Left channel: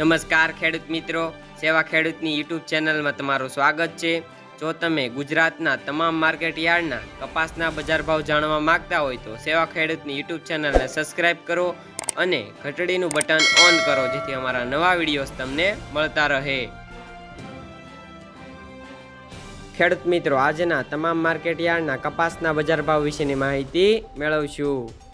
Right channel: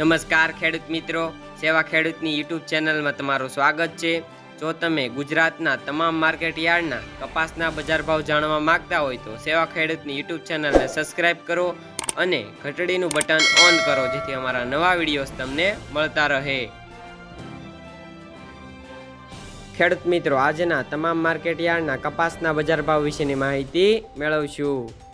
નમસ્કાર ખેડૂત મિત્રો, સેવા ખેડૂતની યુટ્યુબ ચેનલમાં તમારું સ્વાગત છે। જો તમે ગુજરાતના તમામ માર્કેટ યાર્ડના કપાસના બજાર ભાવ જાણવા માંગતા હોય તો સેવા ખેડૂતની યુટ્યુબ ચેનલને સબસ્ક્રાઇબ કરો અને ઘંટડીનું બટન ઓન કરો, જેથી અમારા નવા વિડીયોઝ તમને મળતા રહે। ખેડૂત મિત્રો, આજના તમામ માર્કેટ યાર્ડના કપાસના બજાર ભાવ વિશેની માહિતી મેળવશું।